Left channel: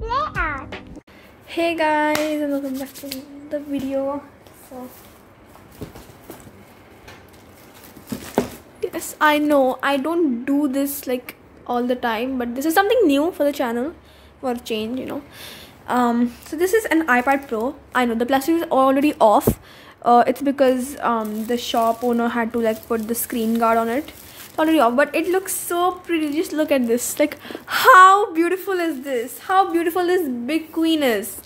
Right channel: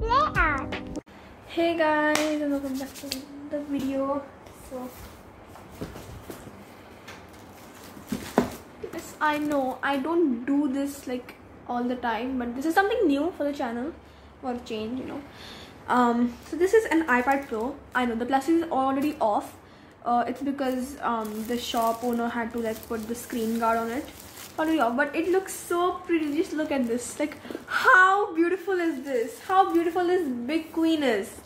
Bleh Artz. Hey guys, and welcome back to the video. So, yes, I know I don't do this like all the time, but this is something new for the channel for a change, So this is an iPad Pro. I know the plastic is already off. It's because the shop owner had to like put the screen guard on it. It's already off, but it looks so pretty. Just look at this. Like, how beautiful is this? How beautiful this big queen is.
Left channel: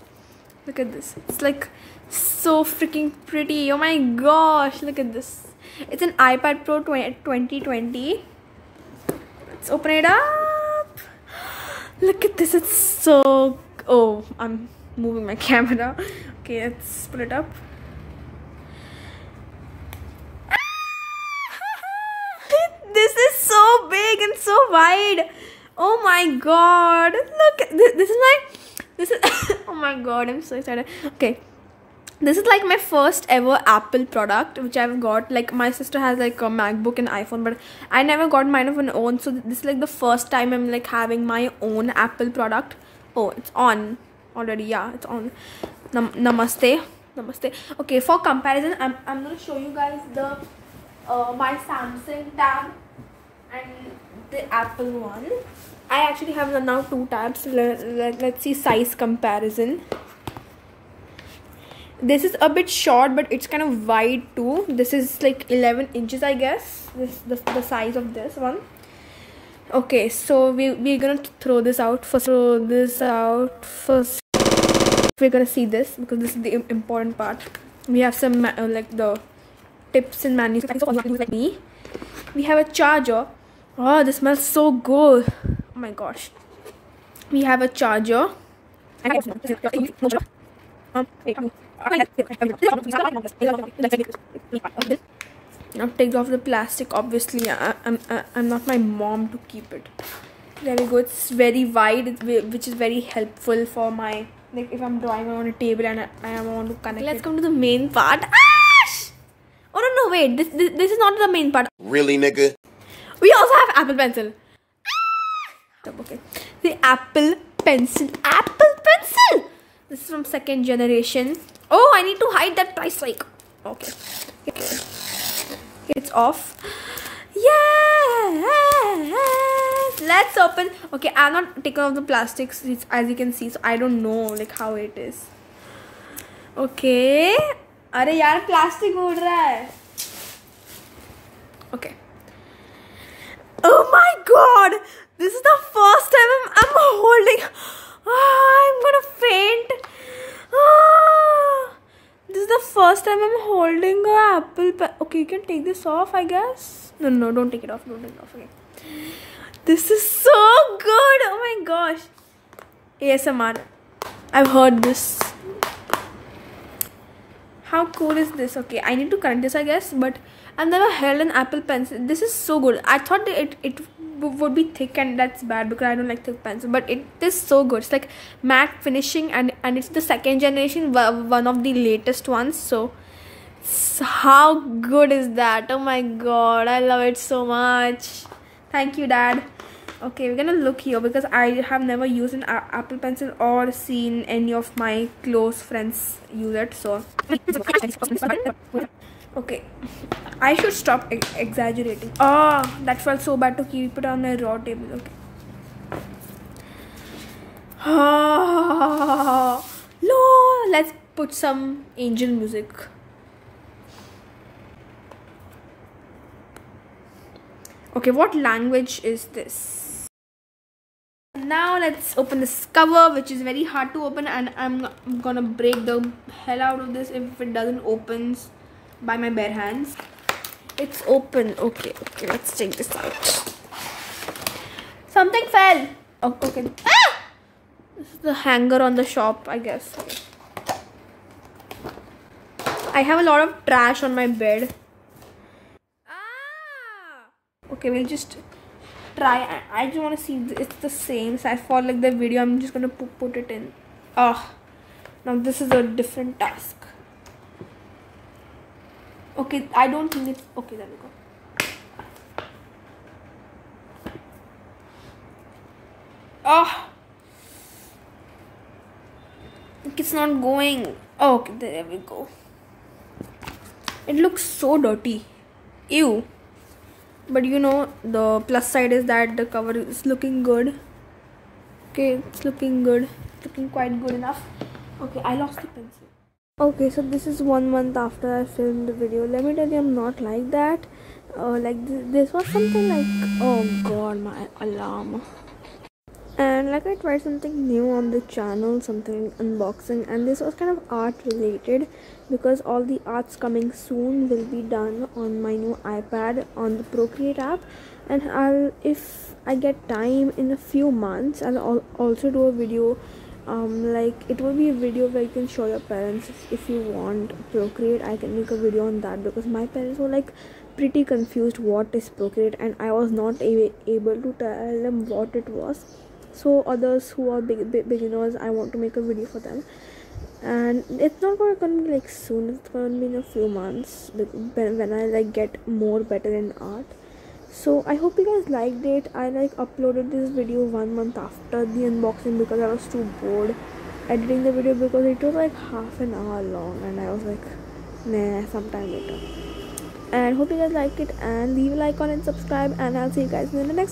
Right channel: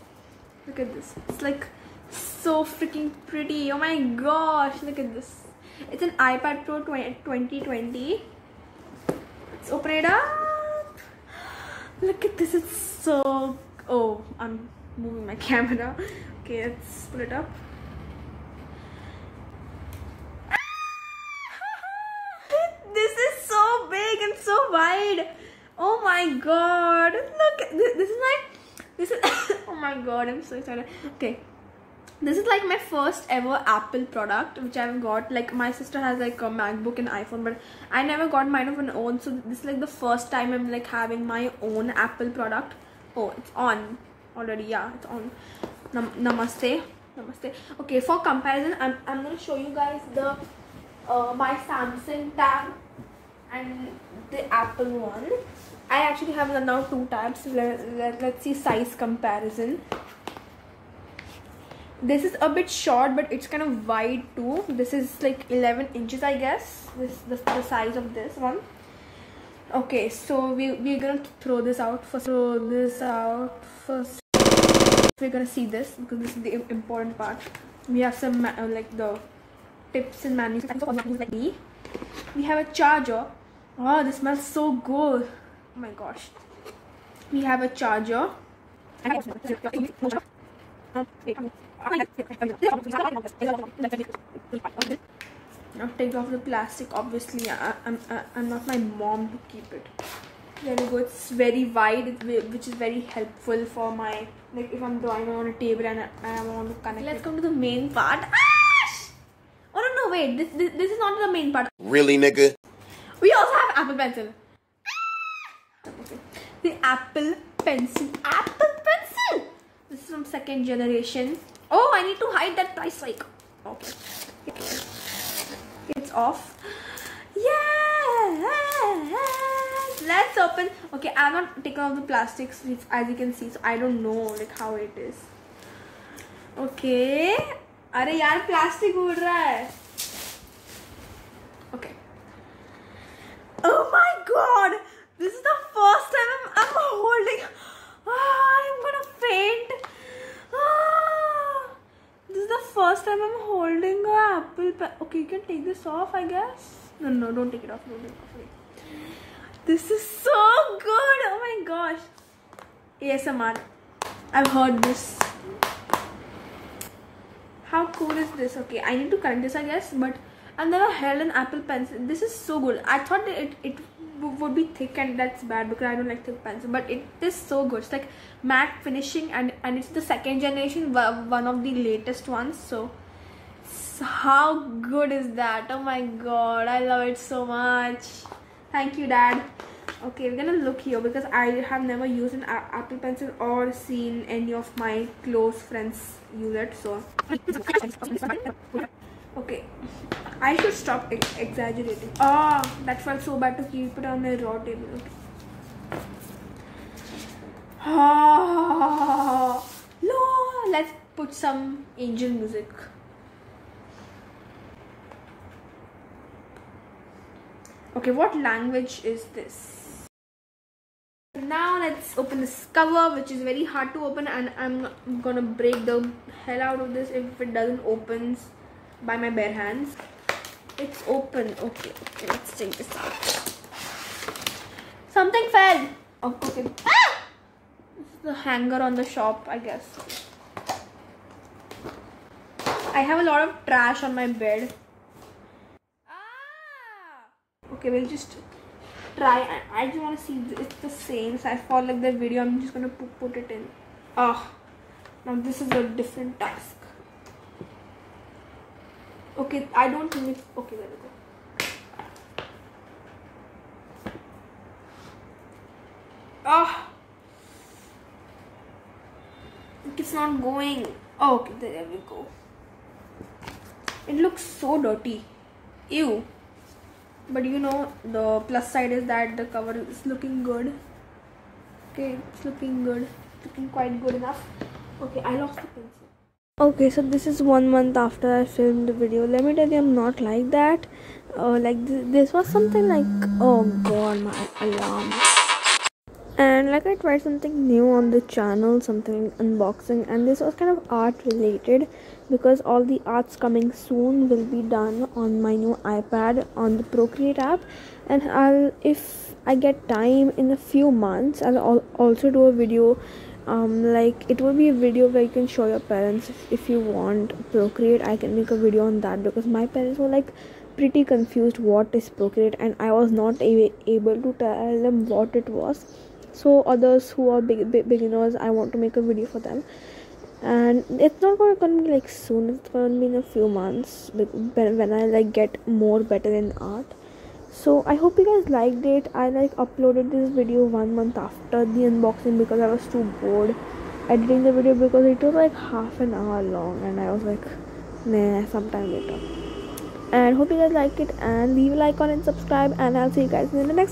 Look at this. It's like so freaking pretty. Oh my gosh, look at this. It's an iPad Pro 2020. Let's open it up. Look at this. It's so... Oh, I'm moving my camera. Okay, let's put it up. This is so big and so wide. Oh my god. Look, this is oh my god, I'm so excited. Okay, this is like my first ever Apple product which I've got. Like, my sister has like a MacBook and iPhone, but I never got mine of my own. So this is like the first time I'm like having my own Apple product. Oh, it's on already. Yeah, it's on. Namaste. Okay, for comparison, I'm gonna show you guys the my Samsung tab and the Apple one. I actually have now 2 tabs. Let's see size comparison. This is a bit short, but it's kind of wide too. This is like 11 inches, I guess. This the size of this one. Okay, so we're gonna throw this out first. We're gonna see this because this is the important part. We have some like the tips and manuals like me. We have a charger. Oh, this smells so good. Oh my gosh. We have a charger. Now take off the plastic. Obviously, I'm not my mom to keep it. There we go. It's very wide, which is very helpful for my, like, if I'm drawing on a table and I want to connect. Let's come to the main part. Oh no, wait. This is not the main part. Really, nigga? We also have Apple Pencil. Okay. The Apple Pencil. This is from 2nd generation. Oh, I need to hide that price tag. Okay. It's off. Yeah. Let's open. Okay, I'm not taking off the plastics, as you can see, so I don't know like how it is. Okay. अरे यार plastic उड़ रहा है. Okay. Oh my god! This is the first time I'm holding. I'm gonna faint. This is the first time I'm holding a Apple pen. Okay, you can take this off, I guess. No, don't take it off. Okay. This is so good. Oh my gosh. ASMR. I've heard this. How cool is this? Okay, I need to connect this, I guess, but I've never held an Apple Pencil. This is so good. I thought it would be thick, and that's bad because I don't like thick pencil, but it is so good. It's like matte finishing, and it's the 2nd generation, one of the latest ones. So how good is that? Oh my god, I love it so much. Thank you, Dad. Okay, we're gonna look here because I have never used an Apple Pencil or seen any of my close friends use it. So okay, I should stop exaggerating. Oh, that felt so bad to keep it on my raw table. Okay. Oh, no, let's put some angel music. Okay, what language is this? Now let's open this cover, which is very hard to open, and I'm gonna break the hell out of this if it doesn't open by my bare hands. It's open. Okay, let's take this out. Something fell. Oh, okay. This is the hanger on the shop, I guess. I have a lot of trash on my bed. Okay, we'll just try. I just want to see it's the same size for like the video. I'm just gonna put it in. Now this is a different task. Okay, I don't need. Okay, there we go. It's not going. Oh, okay, there we go. It looks so dirty. Ew. But you know, the plus side is that the cover is looking good. Okay, it's looking good. Looking quite good enough. Okay, I lost the pencil. Okay, so this is 1 month after I filmed the video. Let me tell you, I'm not like that. This was something like, oh god, my alarm. And like I tried something new on the channel, something unboxing, and this was kind of art related because all the arts coming soon will be done on my new iPad on the Procreate app. And if I get time in a few months, I'll also do a video. Like it will be a video where you can show your parents if you want Procreate. I can make a video on that because my parents were like pretty confused what is Procreate, and I was not able to tell them what it was. So others who are beginners, I want to make a video for them, and it's not gonna be like soon. It's gonna be in a few months when I like get more better in art. So I hope you guys liked it. I like uploaded this video 1 month after the unboxing because I was too bored editing the video because it was like half an hour long, and I was like, nah, sometime later. And hope you guys liked it, and leave a like on and subscribe, and I'll see you guys in the next